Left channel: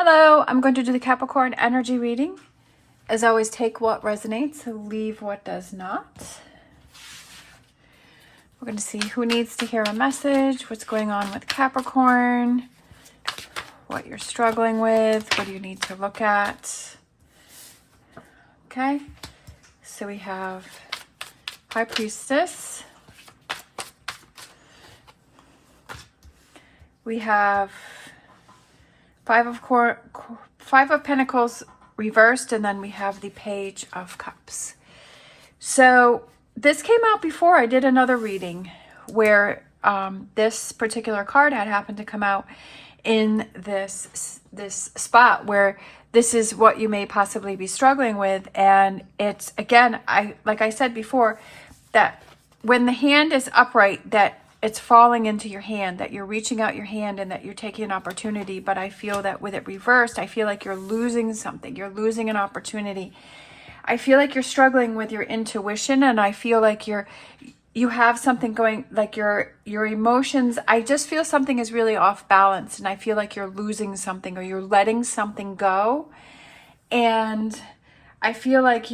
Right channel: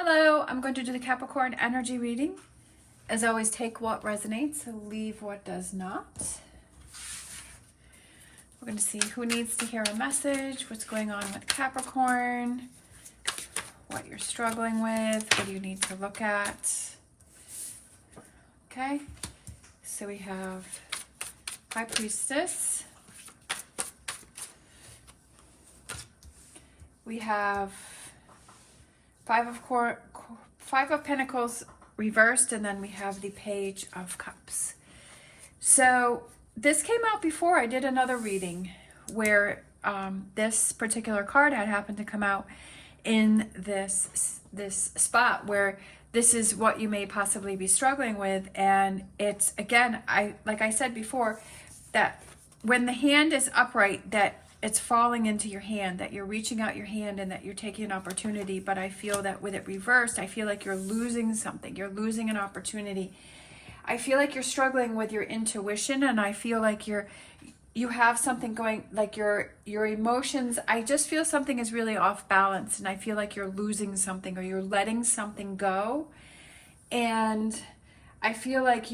Hello, I'm going to do the Capricorn energy reading. As always, take what resonates, leave what does not. We're going to see who needs to hear a message, what's going on with Capricorn, what you're struggling with, what do you need to look at. Okay, so we have High Priestess. We have Five of Pentacles reversed, and then we have the Page of Cups. So this came out before I did another reading where this particular card had happened to come out in this spot where this is what you may possibly be struggling with. And it's, again, like I said before, that when the hand is upright, that it's falling into your hand, that you're reaching out your hand and that you're taking an opportunity. But I feel that with it reversed, I feel like you're losing something. You're losing an opportunity. I feel like you're struggling with your intuition, and I feel like you have something going, like your emotions. I just feel something is really off balance, and I feel like you're losing something or you're letting something go. And I feel like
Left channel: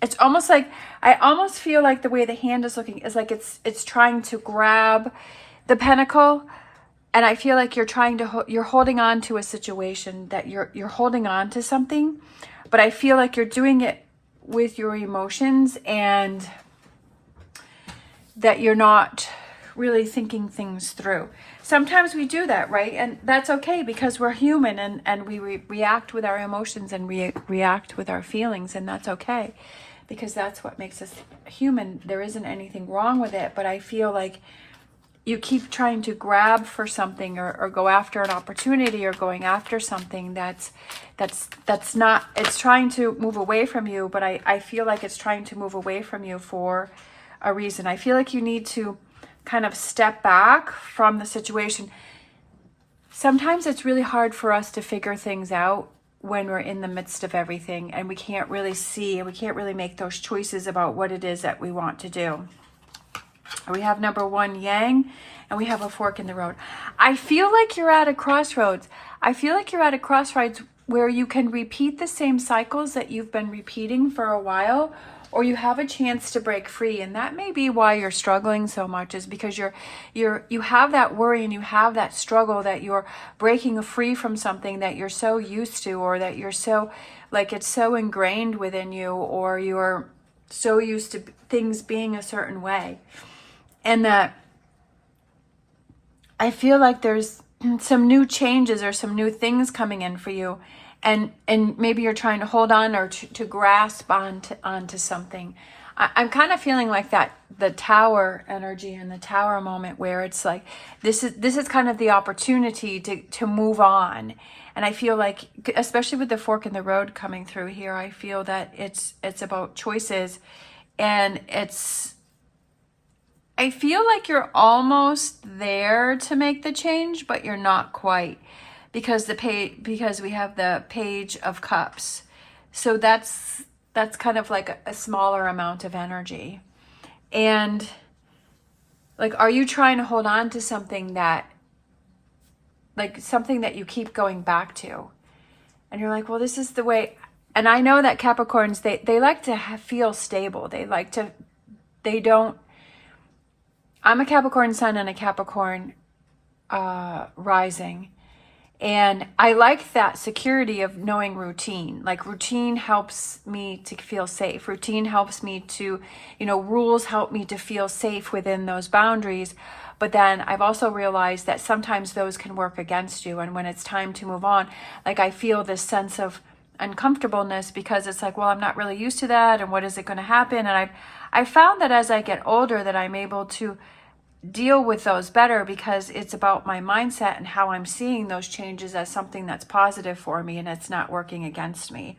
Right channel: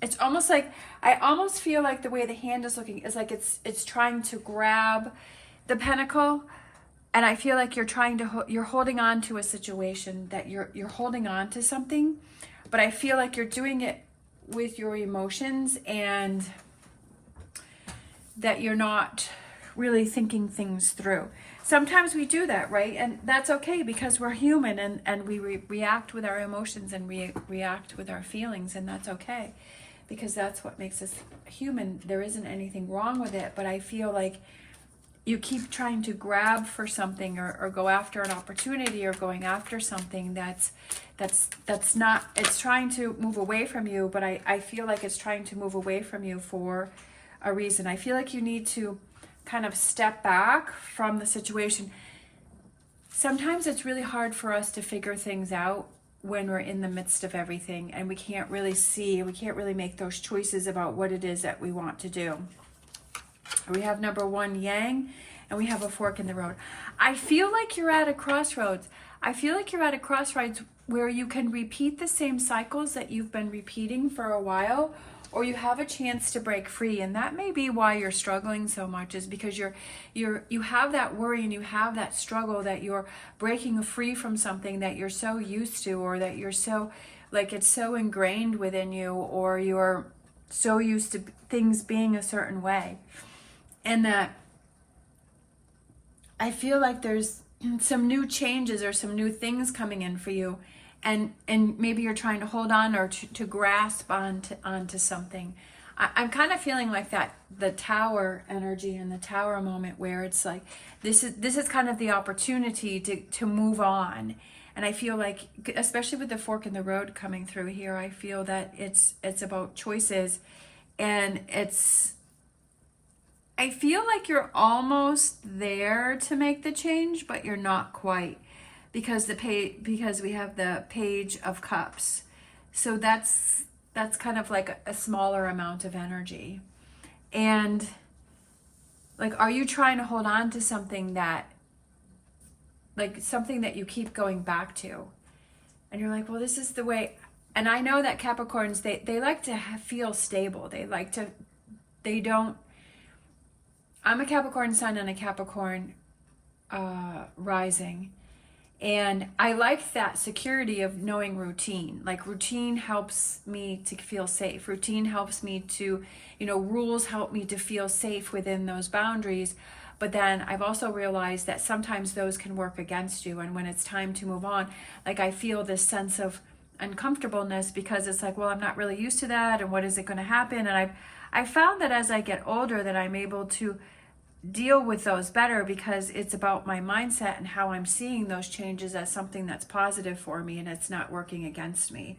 it's almost like, I almost feel like the way the hand is looking is like it's trying to grab the pentacle, and I feel like you're holding on to a situation, that you're holding on to something, but I feel like you're doing it with your emotions, and that you're not really thinking things through. Sometimes we do that, right? And that's okay, because we're human, and we react with our emotions and react with our feelings, and that's okay, because that's what makes us human. There isn't anything wrong with it, but I feel like you keep trying to grab for something or go after an opportunity or going after something that's not, it's trying to move away from you, but I feel like it's trying to move away from you for a reason. I feel like you need to kind of step back from the situation. Sometimes it's really hard for us to figure things out when we're in the midst of everything, and we can't really see, we can't really make those choices about what it is that we want to do. We have number 1, Yang, and we have a fork in the road. I feel like you're at a crossroads. I feel like you're at a crossroads where you can repeat the same cycles that you've been repeating for a while, or you have a chance to break free. And that may be why you're struggling so much, is because you have that worry and you have that struggle, that you're breaking free from something that you're so used to, or that you're so, like, it's so ingrained within you, or you're so used to things being a certain way. And that I feel like there's some new changes or some new things coming in for you. And maybe you're trying to hold on or to grasp onto something. I'm kind of feeling like that, the Tower energy and the Tower moment, where it's like, this is kind of the opportunity to move on. And I feel like, especially with the fork in the road coming through here, I feel that it's about choices, and I feel like you're almost there to make the change, but you're not quite, because we have the Page of Cups. So that's kind of like a smaller amount of energy. And like, are you trying to hold on to something that, like, something that you keep going back to, and you're like, well, this is the way. And I know that Capricorns, they like to feel stable. I'm a Capricorn sun and a Capricorn rising. And I like that security of knowing routine. Like, routine helps me to feel safe. Routine helps me to, rules help me to feel safe within those boundaries. But then I've also realized that sometimes those can work against you. And when it's time to move on, like, I feel this sense of uncomfortableness, because it's like, well, I'm not really used to that. And what is it going to happen? And I found that as I get older, that I'm able to deal with those better, because it's about my mindset and how I'm seeing those changes as something that's positive for me, and it's not working against me.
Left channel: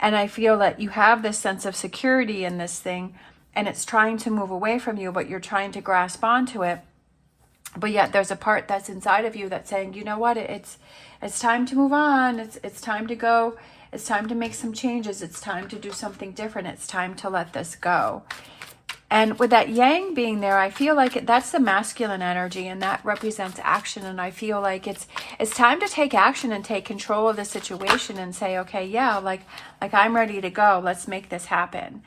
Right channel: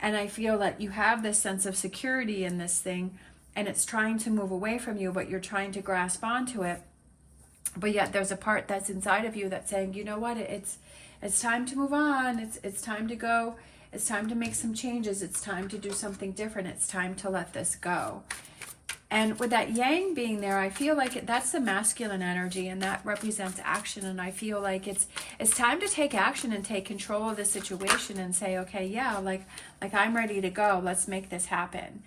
And I feel that you have this sense of security in this thing, and it's trying to move away from you, but you're trying to grasp onto it. But yet there's a part that's inside of you that's saying, you know what, it's time to move on. It's time to go. It's time to make some changes. It's time to do something different. It's time to let this go. And with that yang being there, I feel like that's the masculine energy, and that represents action. And I feel like it's time to take action and take control of the situation and say, okay, yeah, like I'm ready to go. Let's make this happen.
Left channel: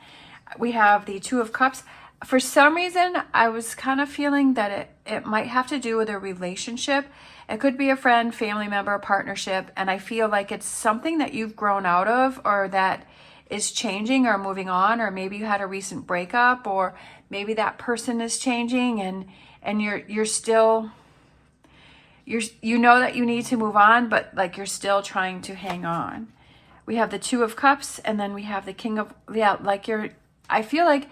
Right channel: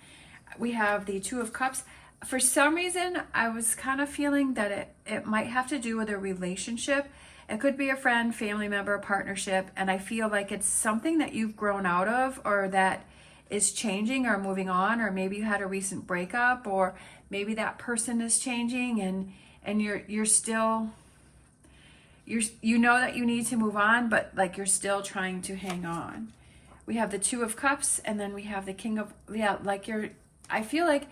We have the Two of Cups. For some reason, I was kind of feeling that it might have to do with a relationship. It could be a friend, family member, a partnership. And I feel like it's something that you've grown out of, or that is changing or moving on, or maybe you had a recent breakup, or maybe that person is changing, and you're still, you know that you need to move on, but like you're still trying to hang on. We have the Two of Cups, and then we have the King of, yeah, like I feel like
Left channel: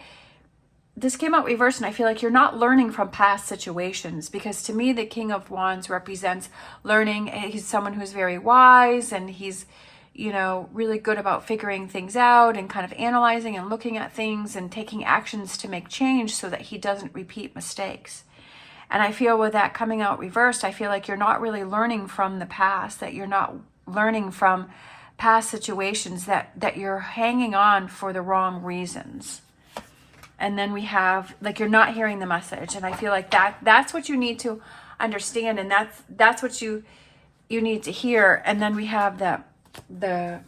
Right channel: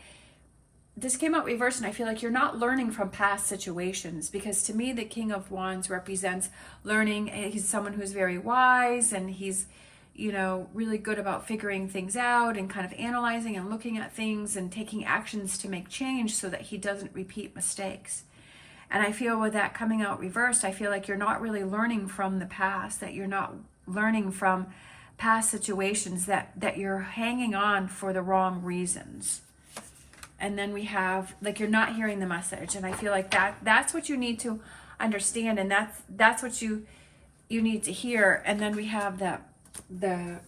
this came out reversed, and I feel like you're not learning from past situations, because to me the King of Wands represents learning. He's someone who's very wise, and he's, you know, really good about figuring things out and kind of analyzing and looking at things and taking actions to make change so that he doesn't repeat mistakes. And I feel with that coming out reversed, I feel like you're not really learning from the past, that you're not learning from past situations, that you're hanging on for the wrong reasons. And then we have, like, you're not hearing the message. And I feel like that's what you need to understand, and that's what you need to hear. And then we have the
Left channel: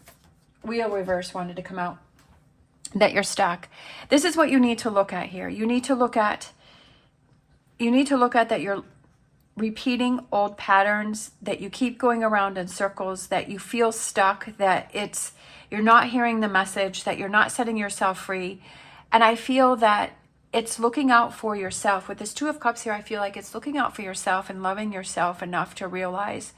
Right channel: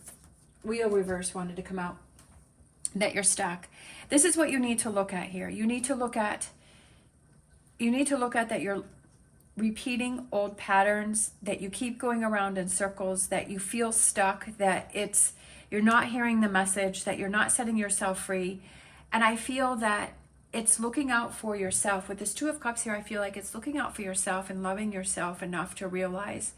wheel reverse wanted to come out, that you're stuck. This is what you need to look at here. You need to look at that you're repeating old patterns, that you keep going around in circles, that you feel stuck, that you're not hearing the message, that you're not setting yourself free. And I feel that it's looking out for yourself. With this Two of Cups here, I feel like it's looking out for yourself and loving yourself enough to realize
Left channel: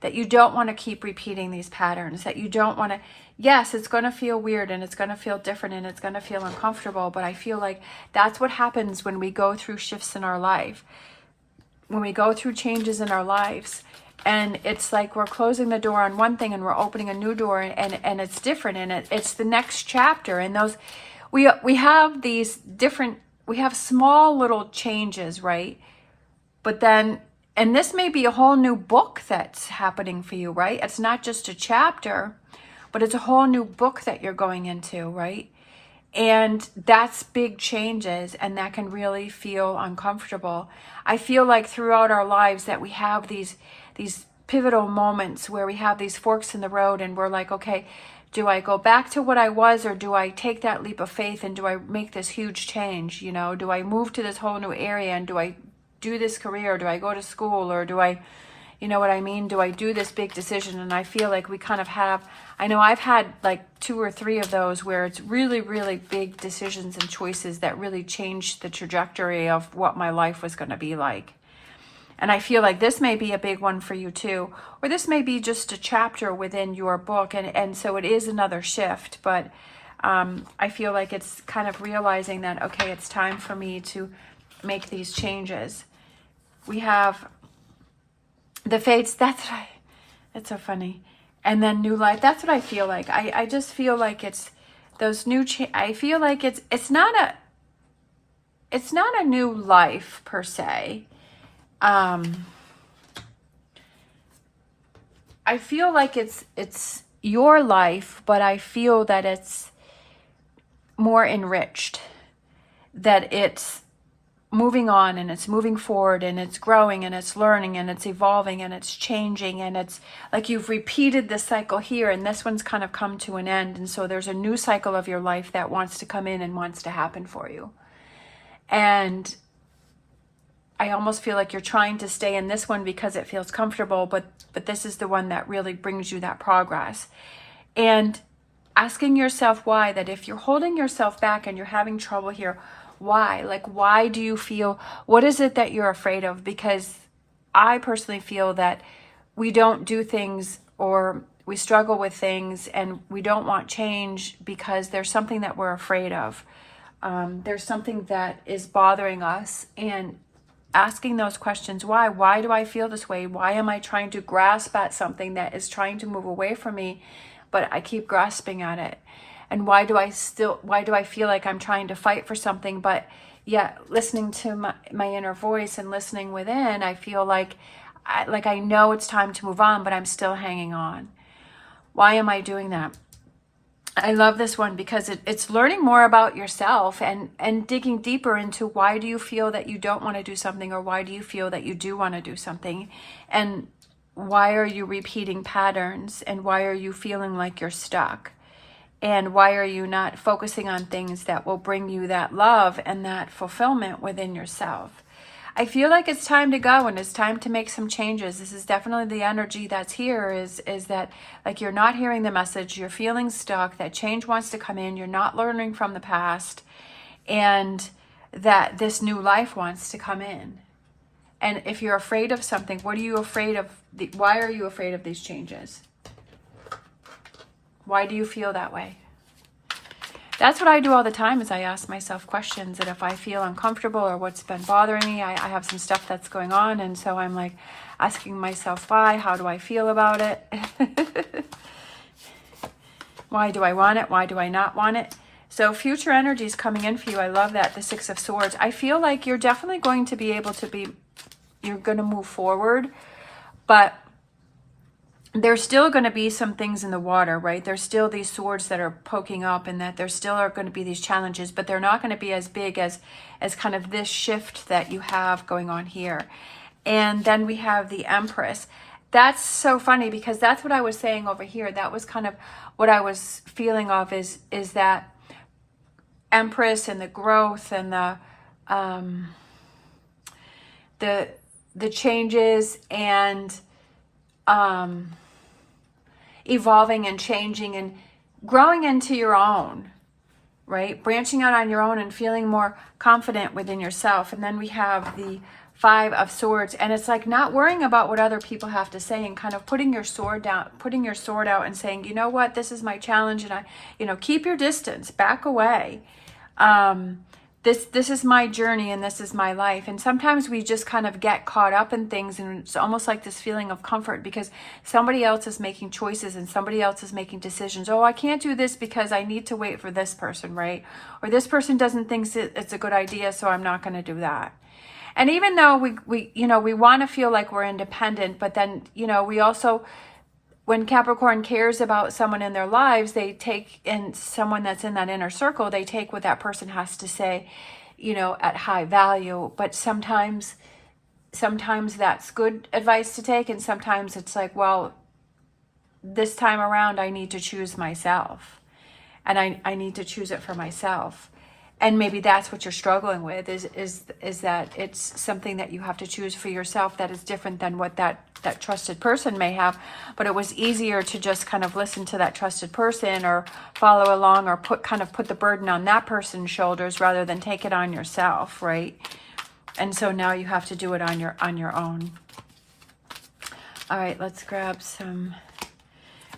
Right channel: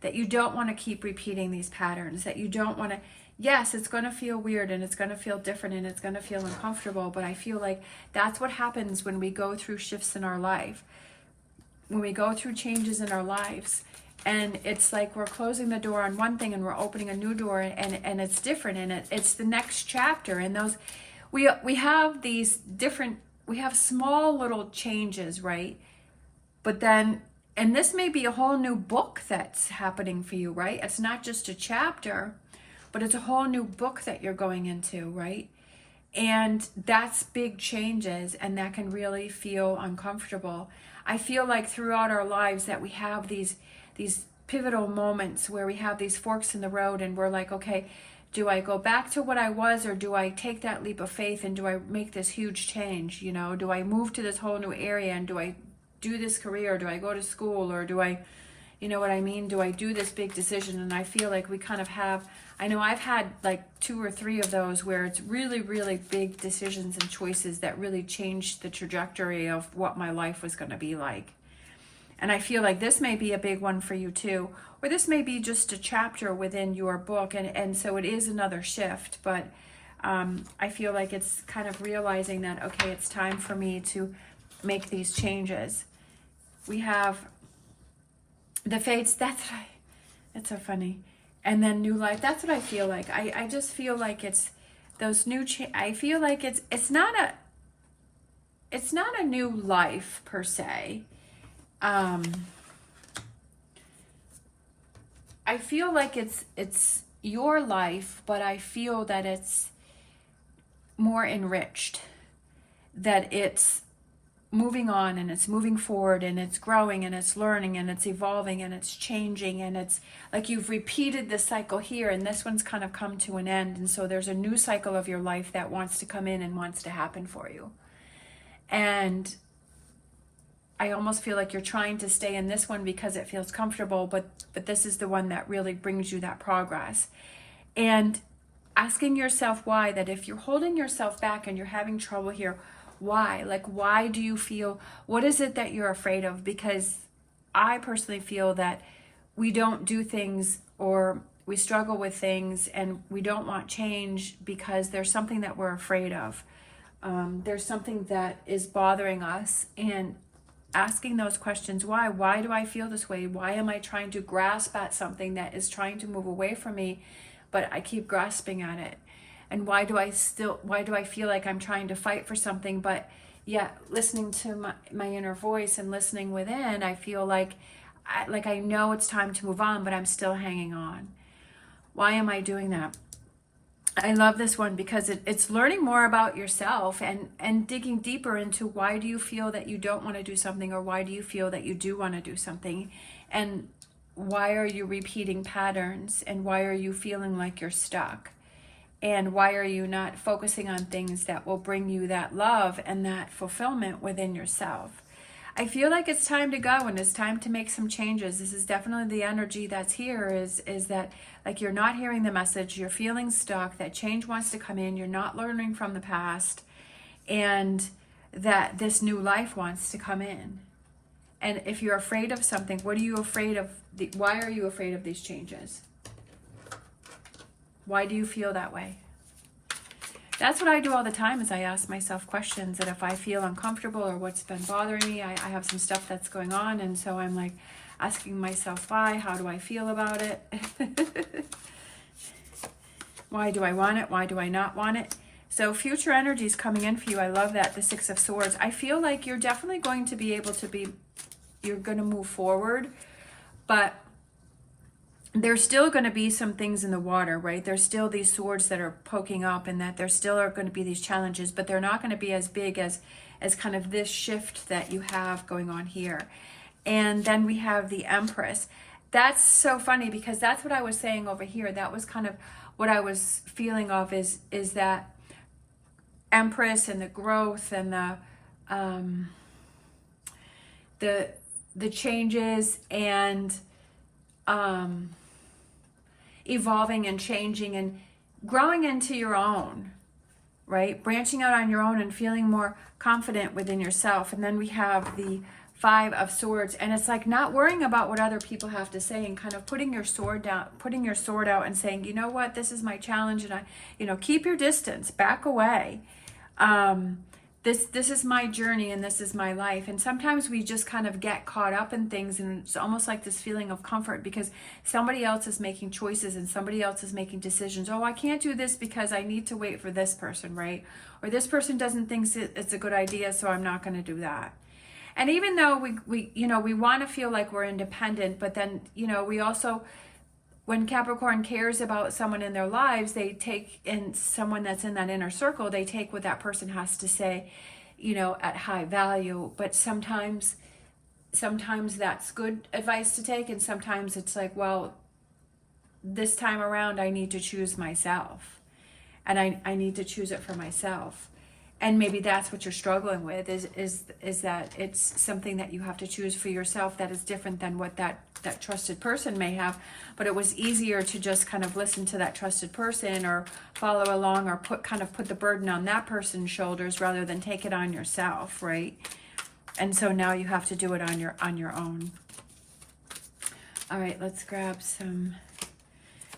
that you don't want to keep repeating these patterns, that you don't want to, yes, it's going to feel weird, and it's going to feel different, and it's going to feel uncomfortable, but I feel like that's what happens when we go through shifts in our life, when we go through changes in our lives. And it's like we're closing the door on one thing and we're opening a new door, and it's different, and it's the next chapter. And those, we have these different, we have small little changes, right? But then, and this may be a whole new book that's happening for you, right? It's not just a chapter, but it's a whole new book that you're going into, right? And that's big changes, and that can really feel uncomfortable. I feel like throughout our lives that we have these pivotal moments where we have these forks in the road, and we're like, okay, do I go back to what I was, or do I take that leap of faith and do I make this huge change? You know, do I move to this whole new area, and do I do this career? Do I go to school, or do I, you know what I mean? Do I do this big decision? And I feel like we kind of have, I know I've had like 2 or 3 of those where it's really, really big decisions and choices that really changed the trajectory of what my life was going to be like. And I feel like this may be a big one for you too, or this may be just a chapter within your book. And so it is another shift, but I feel like it's kind of realizing that, okay, it's time for me to make these changes. We have the fates. That's so funny. And then new life. That's what I feel like. I just feel like it's those new, I feel like it's not a new life per se. I feel like it's your life, but I feel that it's more enriched, that it's moving on, and it's moving forward, and it's growing, and it's learning, and it's evolving, and it's changing, and it's like you've repeated this cycle here, and this one's kind of come to an end, and so there's a new cycle of your life that wants to come in and wants to happen for you. And I almost feel like you're trying to stay in this one because it feels comfortable, but this is the one that really brings you that progress. And asking yourself why, that if you're holding yourself back and you're having trouble here, why? Like, why do you feel, what is it that you're afraid of? Because I personally feel that we don't do things, or we struggle with things, and we don't want change because there's something that we're afraid of. There's something that is bothering us, and asking those questions, why do I feel this way? Why am I trying to grasp at something that is trying to move away from me, but I keep grasping at it? And why do I feel like I'm trying to fight for something, but yet listening to my inner voice and listening within, I feel like I know it's time to move on, but I'm still hanging on. Why am I doing that? I love this one because it's learning more about yourself and digging deeper into why do you feel that you don't want to do something, or why do you feel that you do want to do something, and why are you repeating patterns, and why are you feeling like you're stuck, and why are you not focusing on things that will bring you that love and that fulfillment within yourself. I feel like it's time to go and it's time to make some changes. This is definitely the energy that's here, is that like you're not hearing the message, you're feeling stuck, that change wants to come in, you're not learning from the past, and that this new life wants to come in. And if you're afraid of something, what are you afraid of? Why are you afraid of these changes? Why do you feel that way? That's what I do all the time, is I ask myself questions, and if I feel uncomfortable or what's been bothering me, I have some stuff that's going on, and so I'm like asking myself why, how do I feel about it? Why do I want it? Why do I not want it? So future energy is coming in for you. I love that, the Six of Swords. I feel like you're definitely going to be able to you're going to move forward, but there's still going to be some things in the water, right? There's still these swords that are poking up, and that there still are going to be these challenges, but they're not going to be as big as kind of this shift that you have going on here. And then we have the Empress. That's so funny because that's what I was saying over here. That was kind of what I was feeling of, is that Empress and the growth and the changes and evolving and changing and growing into your own, right? Branching out on your own and feeling more confident within yourself. And then we have the Five of Swords, and it's like not worrying about what other people have to say, and kind of putting your sword down, putting your sword out and saying, you know what, this is my challenge, and I, keep your distance, back away. This is my journey and this is my life. And sometimes we just kind of get caught up in things, and it's almost like this feeling of comfort because somebody else is making choices and somebody else is making decisions. Oh, I can't do this because I need to wait for this person, right? Or this person doesn't think it's a good idea, so I'm not going to do that. And even though we want to feel like we're independent, but then, we also, when Capricorn cares about someone in their lives, they take in someone that's in that inner circle, they take what that person has to say, at high value. But sometimes that's good advice to take. And sometimes it's like, well, this time around, I need to choose myself, and I need to choose it for myself. And maybe that's what you're struggling with, is that it's something that you have to choose for yourself that is different than what that trusted person may have. But it was easier to just kind of listen to that trusted person or follow along or put the burden on that person's shoulders rather than take it on yourself, right? And so now you have to do it on your own. All right, let's grab some.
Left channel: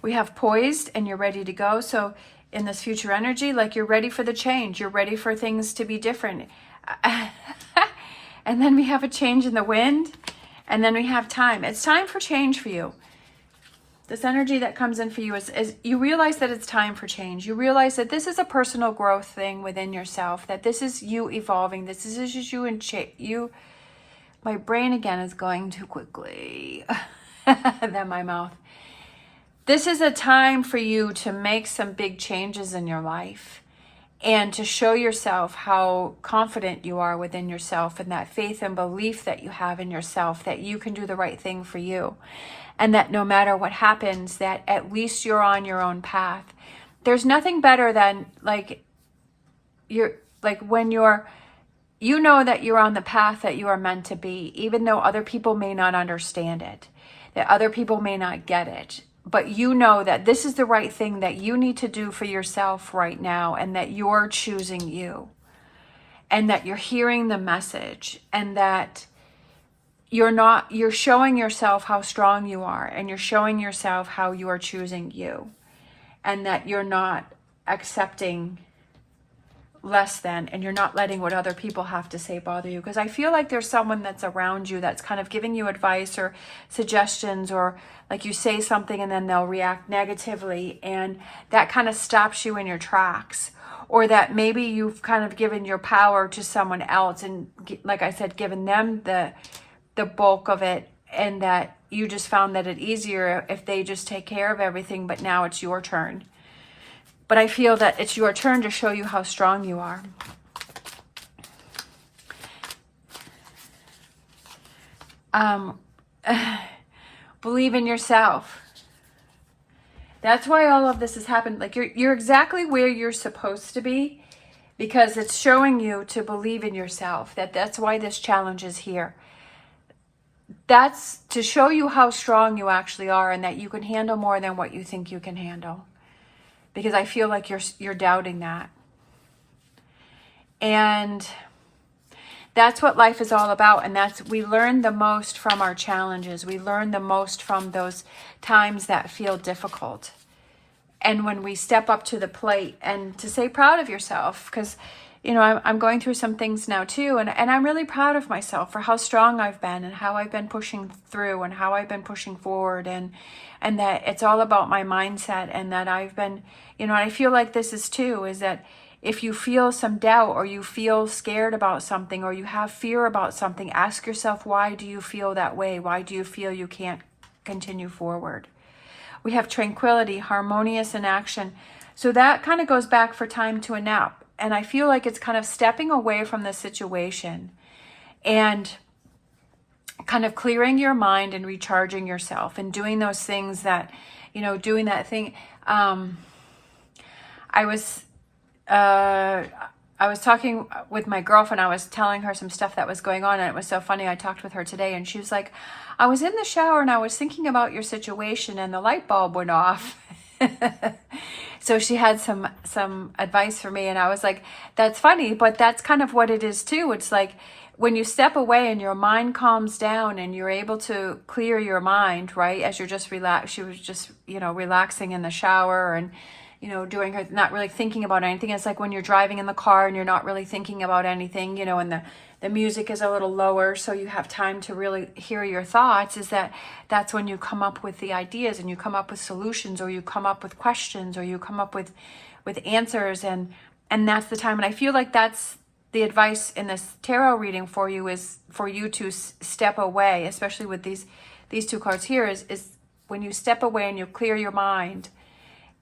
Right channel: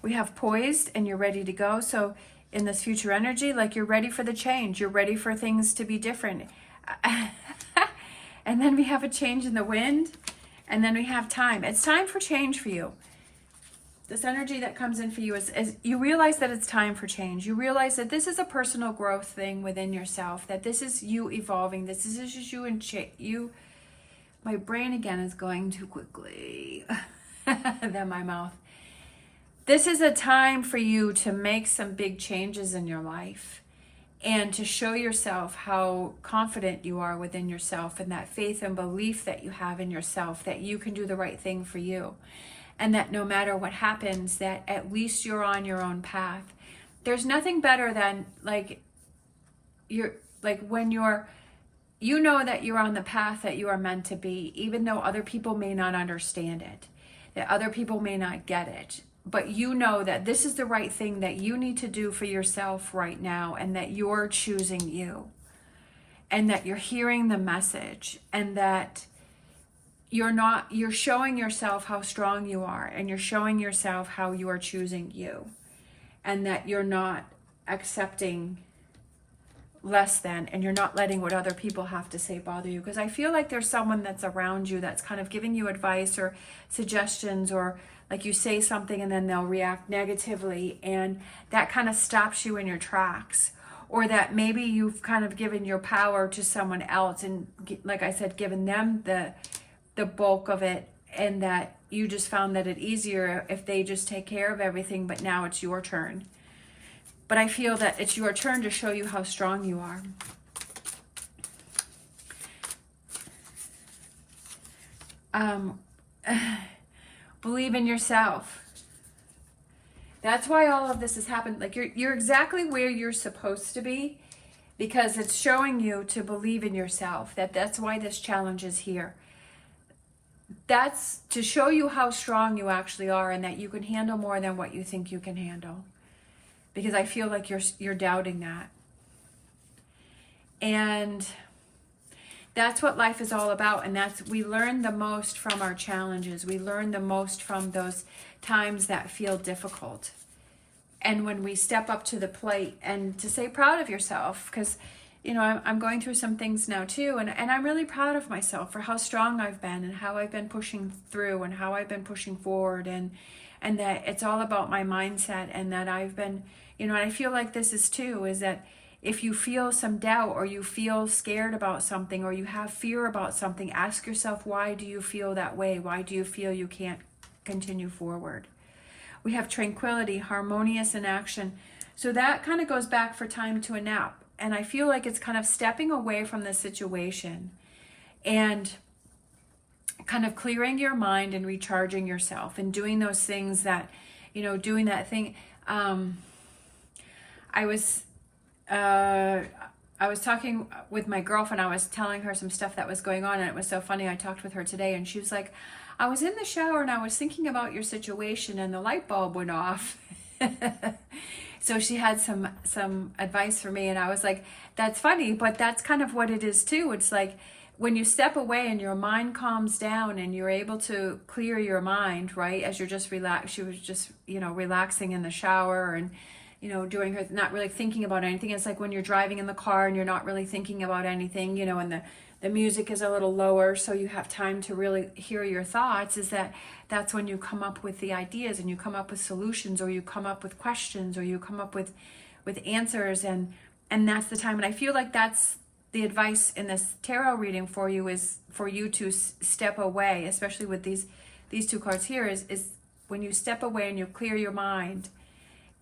We have Poised, and you're ready to go. So in this future energy, like you're ready for the change. You're ready for things to be different. And then we have a change in the wind. And then we have time. It's time for change for you. This energy that comes in for you is you realize that it's time for change. You realize that this is a personal growth thing within yourself. That this is you evolving. This is just you and you. My brain again is going too quickly than my mouth. This is a time for you to make some big changes in your life and to show yourself how confident you are within yourself, and that faith and belief that you have in yourself, that you can do the right thing for you, and that no matter what happens, that at least you're on your own path. There's nothing better than when you know that you're on the path that you are meant to be, even though other people may not understand it, that other people may not get it. But you know that this is the right thing that you need to do for yourself right now, and that you're choosing you, and that you're hearing the message, and that you're showing yourself how strong you are, and you're showing yourself how you are choosing you, and that you're not accepting less than, and you're not letting what other people have to say bother you. Because I feel like there's someone that's around you that's kind of giving you advice or suggestions, or like you say something and then they'll react negatively, and that kind of stops you in your tracks. Or that maybe you've kind of given your power to someone else, and like I said, given them the bulk of it, and that you just found that it's easier if they just take care of everything, but now it's your turn. But I feel that it's your turn to show you how strong you are. Believe in yourself. That's why all of this has happened. Like you're exactly where you're supposed to be, because it's showing you to believe in yourself. That's why this challenge is here. That's to show you how strong you actually are, and that you can handle more than what you think you can handle. Because I feel like you're doubting that. And that's what life is all about. And we learn the most from our challenges. We learn the most from those times that feel difficult. And when we step up to the plate, and to say proud of yourself, because, you know, I'm going through some things now too. And I'm really proud of myself for how strong I've been, and how I've been pushing through, and how I've been pushing forward. And that it's all about my mindset, and that I've been, you know, I feel like this is too, is that if you feel some doubt, or you feel scared about something, or you have fear about something, ask yourself, why do you feel that way? Why do you feel you can't continue forward? We have tranquility, harmonious in action. So that kind of goes back for time to a nap. And I feel like it's kind of stepping away from the situation and kind of clearing your mind and recharging yourself, and doing those things that, you know, doing that thing. I was talking with my girlfriend. I was telling her some stuff that was going on, and it was so funny. I talked with her today, and she was like, I was in the shower and I was thinking about your situation, and the light bulb went off. So she had some advice for me, and I was like, that's funny, but that's kind of what it is too. It's like when you step away and your mind calms down, and you're able to clear your mind, right? As you're just relaxed. She was just, you know, relaxing in the shower, and, you know, doing her, not really thinking about anything. It's like when you're driving in the car and you're not really thinking about anything, you know, and the music is a little lower, so you have time to really hear your thoughts. That's when you come up with the ideas, and you come up with solutions, or you come up with questions, or you come up with answers, and that's the time. And I feel like that's the advice in this tarot reading for you, is for you to step away, especially with these two cards here, is when you step away and you clear your mind,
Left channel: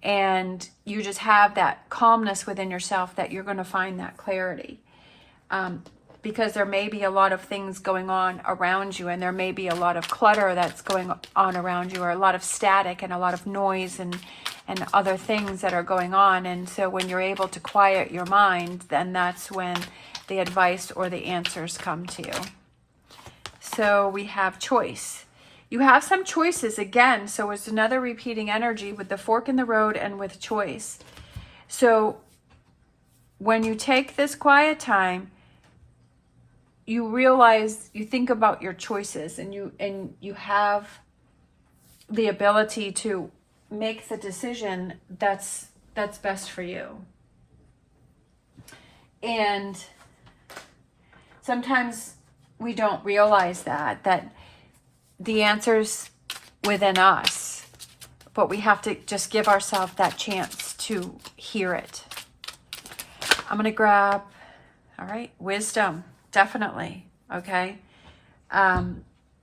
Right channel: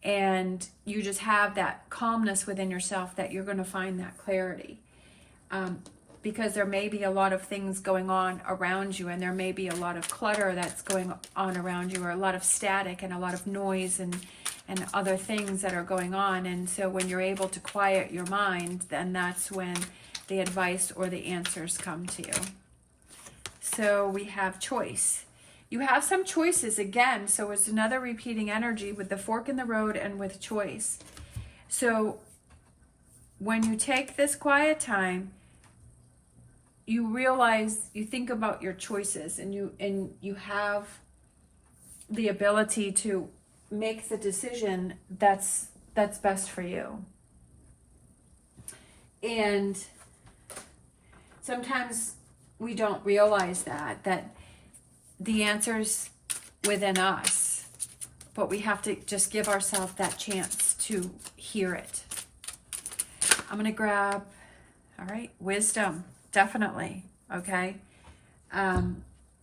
and you just have that calmness within yourself, that you're going to find that clarity. Because there may be a lot of things going on around you, and there may be a lot of clutter that's going on around you, or a lot of static and a lot of noise and other things that are going on. And so when you're able to quiet your mind, then that's when the advice or the answers come to you. So we have choice. You have some choices again. So it's another repeating energy with the fork in the road and with choice. So when you take this quiet time, you realize, you think about your choices, and you have the ability to make the decision that's best for you. And sometimes we don't realize that the answer's within us, but we have to just give ourselves that chance to hear it. I'm going to grab, all right, wisdom. Definitely. Okay.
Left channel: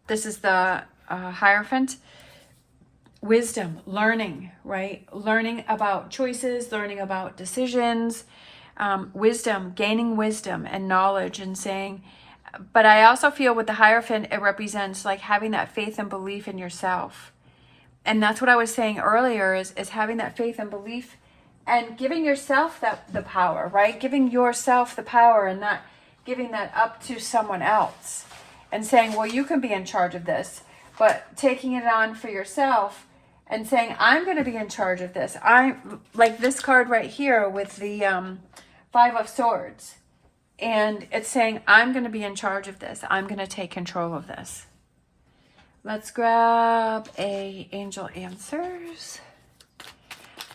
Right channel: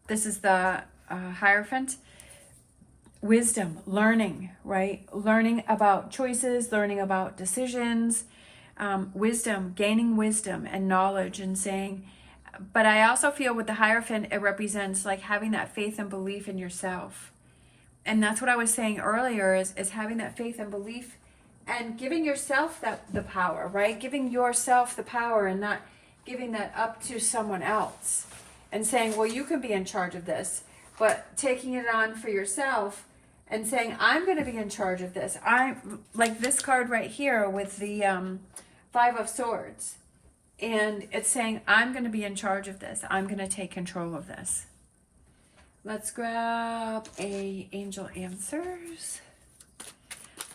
This is the Hierophant. Wisdom, learning, right? Learning about choices, learning about decisions, wisdom, gaining wisdom and knowledge, and saying, but I also feel with the Hierophant, it represents like having that faith and belief in yourself. And that's what I was saying earlier, is having that faith and belief, and giving yourself the power, right? Giving yourself the power, and not giving that up to someone else and saying, well, you can be in charge of this, but taking it on for yourself and saying, I'm going to be in charge of this. I'm like this card right here with the Five of Swords, and it's saying, I'm going to be in charge of this. I'm going to take control of this. Let's grab a Angel Answers.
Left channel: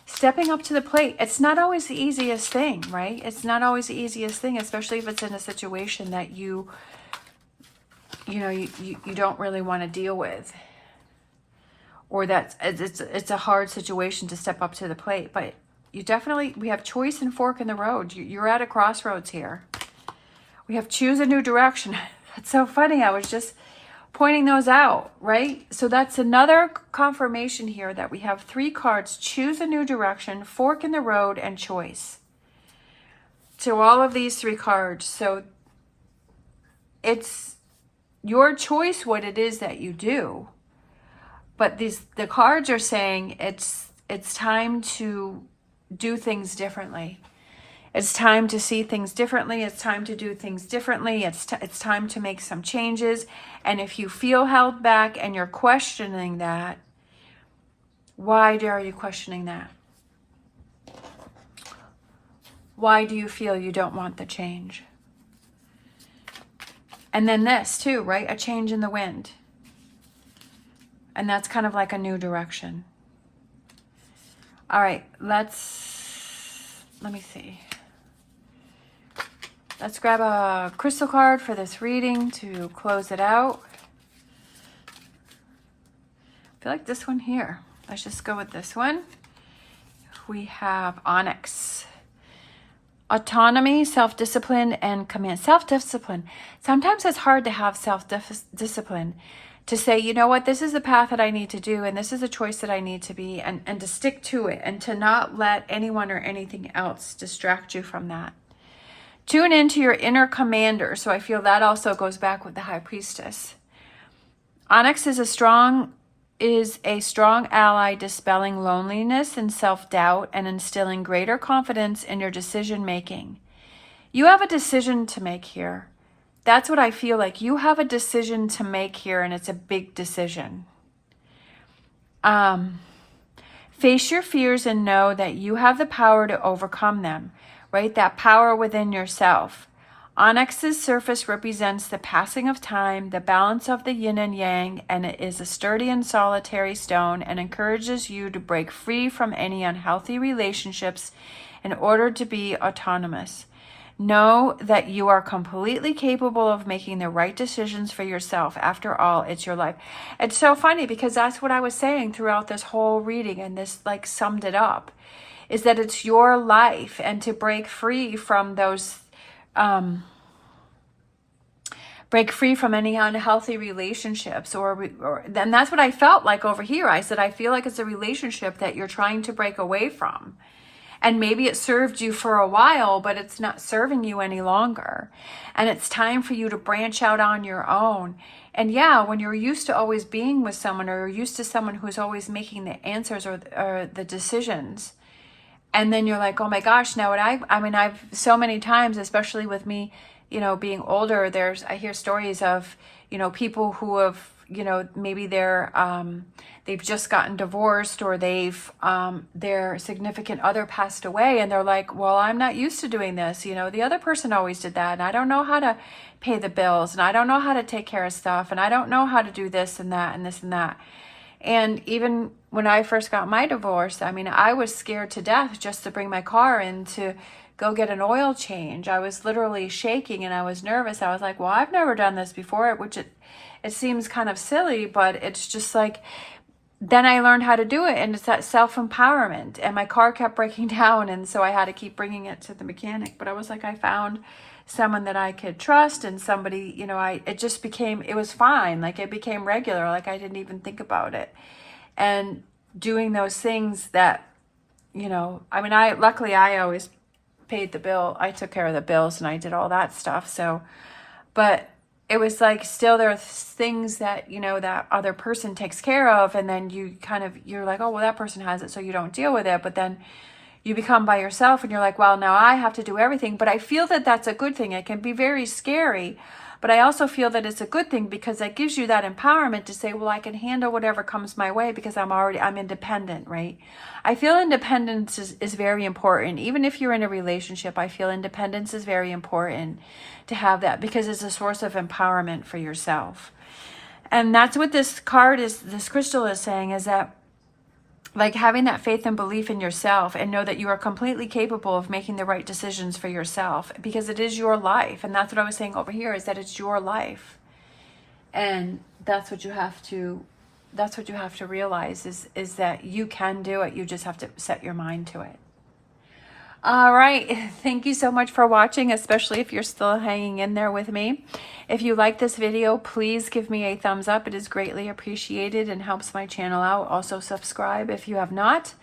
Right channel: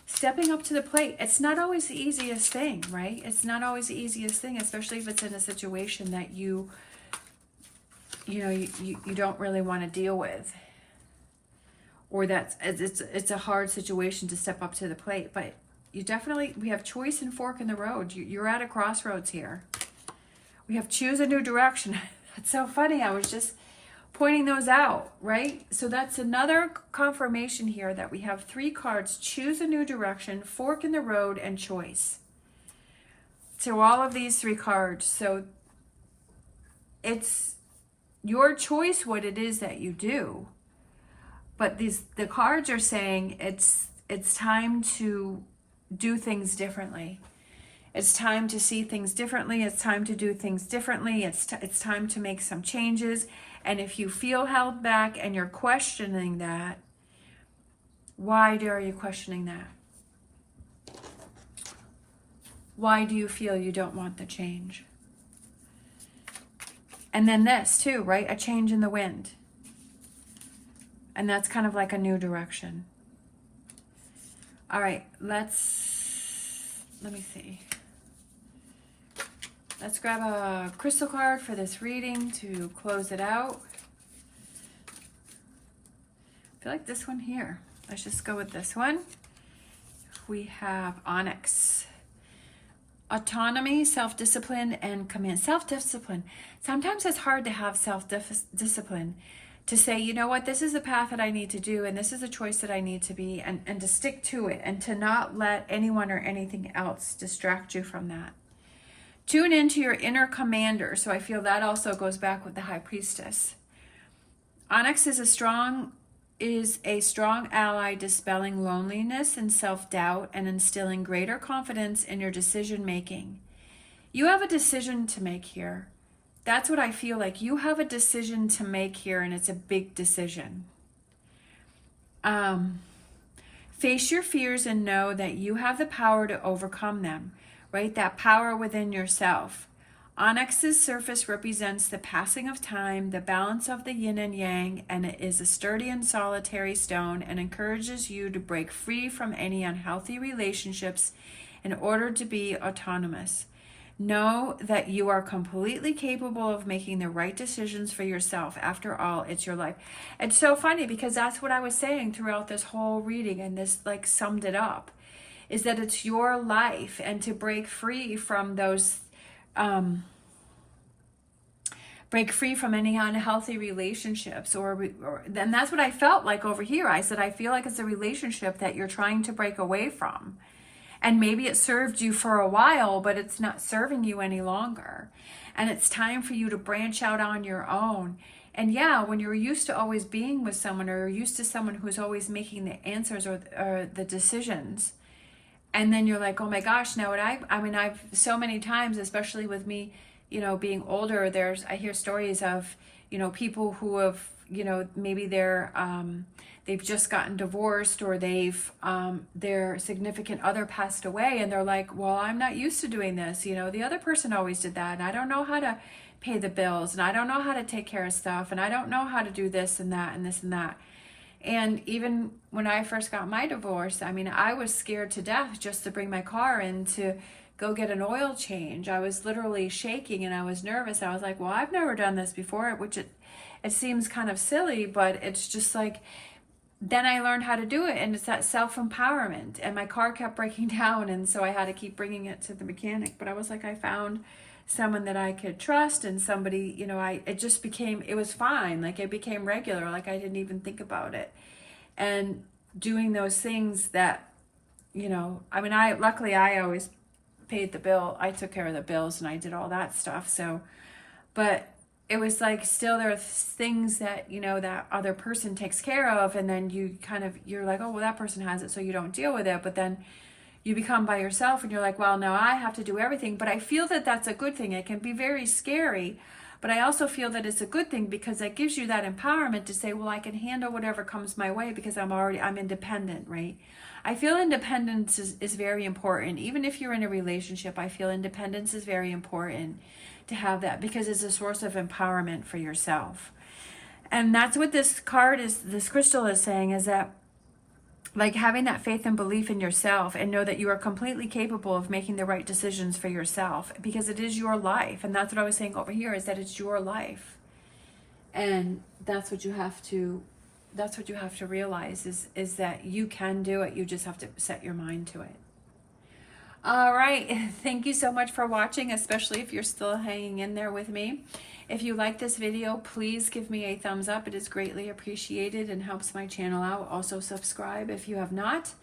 Stepping up to the plate. It's not always the easiest thing, right? It's not always the easiest thing, especially if it's in a situation that you don't really want to deal with, or that it's a hard situation to step up to the plate. But we have choice and fork in the road. You're at a crossroads here. We have choose a new direction. That's so funny. I was just pointing those out, right? So that's another confirmation here that we have 3 cards: choose a new direction, fork in the road, and choice. So all of these 3 cards. So it's your choice what it is that you do. But the cards are saying it's time to do things differently. It's time to see things differently. It's time to do things differently. It's time to make some changes. And if you feel held back and you're questioning that, why are you questioning that? Why do you feel you don't want the change? And then this too, right? A change in the wind. And that's kind of like a new direction. All right, let me see. Let's grab a crystal card for this reading to close it out. I feel like this one here. Let's just go with this one. We have onyx. Autonomy, self-discipline, and command. Self-discipline. Sometimes it's hard to have self-discipline. To say, you know what, this is the path that I need to do, and this is the choice that I need to be, and to stick to it, and to not let anyone or anything else distract you from that. Tune into your inner commander. So I feel that also goes back with the High Priestess. Onyx is a strong ally, dispelling loneliness and self-doubt and instilling greater confidence in your decision making. You have a decision to make here. That's what I feel like. You have a decision to make here, and it's a big decision. Face your fears and know that you have the power to overcome them, right? That power within yourself. Onyx's surface represents the passing of time, the balance of the yin and yang, and it is a sturdy and solitary stone and encourages you to break free from any unhealthy relationships in order to be autonomous. Know that you are completely capable of making the right decisions for yourself. After all, it's your life. It's so funny because that's what I was saying throughout this whole reading, and this like summed it up, is that it's your life, and to break free from those, break free from any unhealthy relationships, or then that's what I felt like over here. I said, I feel like it's a relationship that you're trying to break away from. And maybe it served you for a while, but it's not serving you any longer. And it's time for you to branch out on your own. And yeah, when you're used to always being with someone, or you're used to someone who's always making the answers or the decisions, and then you're like, oh my gosh, now what I've so many times, especially with me, you know, being older, I hear stories of, you know, people who have, you know, maybe they've just gotten divorced, or their significant other passed away, and they're like, well, I'm not used to doing this. You know, the other person always did that, and I don't know how to pay the bills, and I don't know how to take care of stuff, and I don't know how to do this and that and this and that. And even when I first got my divorce, I mean, I was scared to death just to bring my car in to go get an oil change. I was literally shaking, and I was nervous. I was like, well, I've never done this before, which it seems kind of silly, but it's just like, then I learned how to do it, and it's that self-empowerment. And my car kept breaking down, and so I had to keep bringing it to the mechanic. But I was like, I found someone that I could trust, and somebody, you know, it was fine. Like, it became regular. Like, I didn't even think about it. And doing those things that, you know, I mean, luckily I always paid the bill. I took care of the bills, and I did all that stuff. So, but it was like, still there are things that, you know, that other person takes care of, and then you're like, oh, well, that person has it, so you don't deal with it. But then you become by yourself, and you're like, well, now I have to do everything. But I feel that that's a good thing. It can be very scary, but I also feel that it's a good thing, because that gives you that empowerment to say, well, I can handle whatever comes my way, because I'm independent, right? I feel independence is very important. Even if you're in a relationship, I feel independence is very important to have that, because it's a source of empowerment for yourself. And that's what this crystal is saying, is that, like, having that faith and belief in yourself, and know that you are completely capable of making the right decisions for yourself, because it is your life. And that's what I was saying over here, is that it's your life. And that's what you have to realize, is that you can do it. You just have to set your mind to it. All right. Thank you so much for watching, especially if you're still hanging in there with me. If you like this video, please give me a thumbs up. It is greatly appreciated and helps my channel out. Also subscribe if you have not.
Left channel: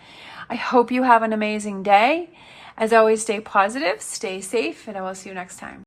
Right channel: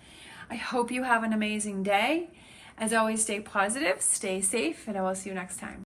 I hope you have an amazing day. As always, stay positive, stay safe, and I will see you next time.